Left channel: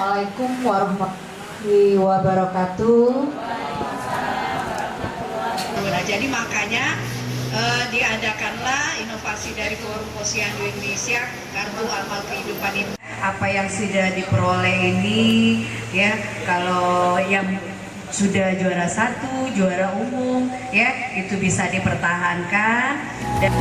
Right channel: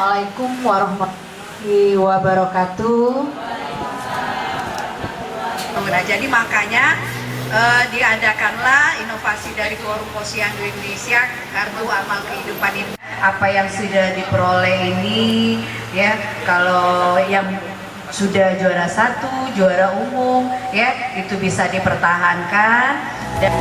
Assalamualaikum warahmatullahi wabarakatuh. Nah, jadi makanya diadakanlah inovasi dari Forum Posyandu Indonesia Kartu Amal Kehidupan ini. Apa yang sudah diperoleh ini, ya, kalau yang sudah juara 1, juara umum, ya, itu bisa dipertahankan dan